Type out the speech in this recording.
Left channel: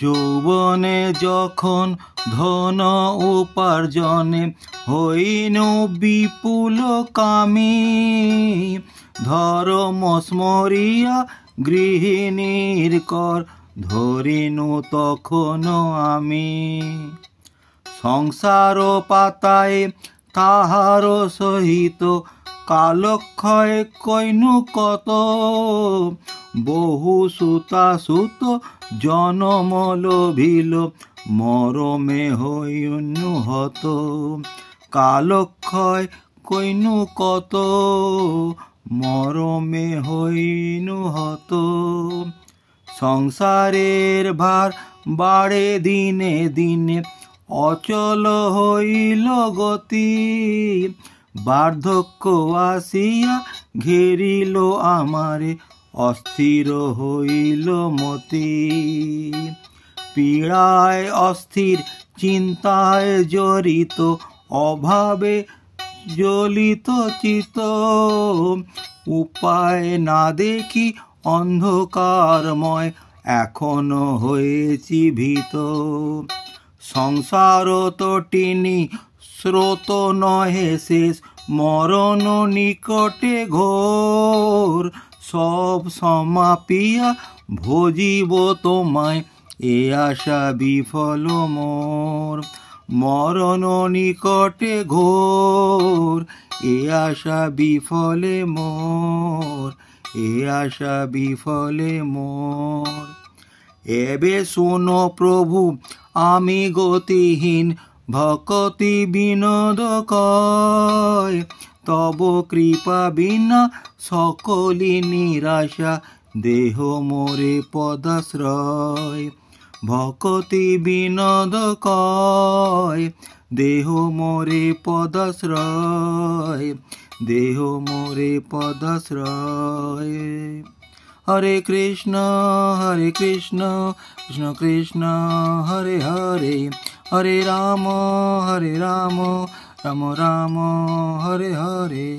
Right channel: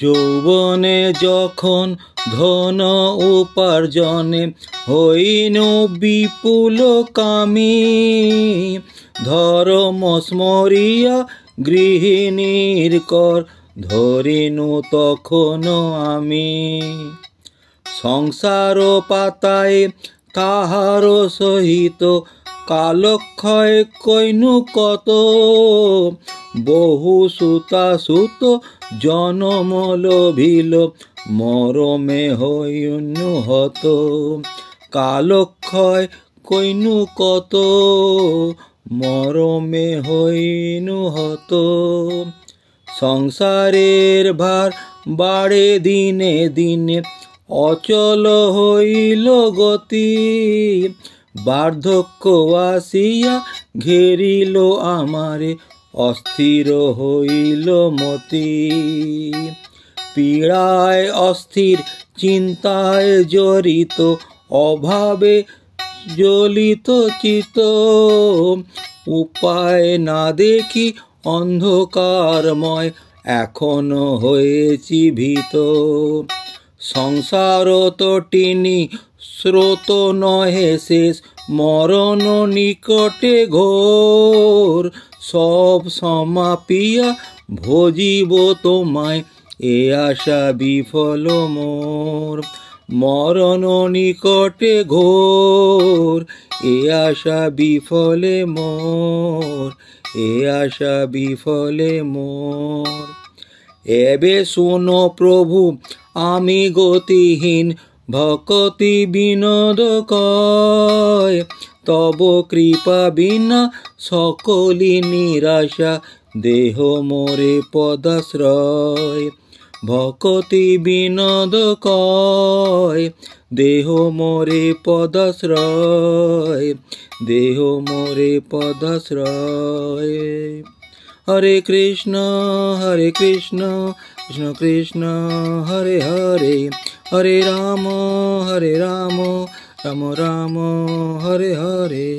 যৌবনে যখন ধন উপার্জনে হইনু বিপুল কামী, ধর্ম স্মরিয়া গৃহিণীর কর ধরিনু তখন আমি। সংসার পাতায় তাহার সহিত কালক্ষয় কইনু কত, বহু সুতা সুত জনম লোভিল মরমে হইনু হত। কালক্ষয় কইনু কত, মরমে হইনু হত। সংসারের ভার বাড়ে দিনে দিনে অচল হইল গতি, বার্ধক্য আসিয়া ঘেরিল আমারে অস্থির হইল মতি। পীড়ায় অস্থির চিন্তায় জড়িত অভাবে জ্বলিত চিত, উপায় না দেখি অন্ধকারময় এখনো হয়েছি ভীত। সংসার তটিনী স্রোত নহে শেষ, মরণ নিকটে ঘোর। সব সমাপিয়া ভজিব তোমায়, এ আশা বিফল মোর। মরণ নিকটে ঘোর, এ আশা বিফলে মোর, এ আশা বিফলে মোর। এবে শুনো প্রভু আমি গতিহীন, ভকতি বিনোদ কয়। তব কৃপা বিনা সকলি নিরাশা, দেহ মোরে পদাশ্রয়। ভকতি বিনোদ কয়, দেহ মোরে পদাশ্রয়, দেহ মোরে পদাশ্রয়। হরে কৃষ্ণ কৃষ্ণ কৃষ্ণ হরে হরে, হরে রাম রাম রাম হরে হরে।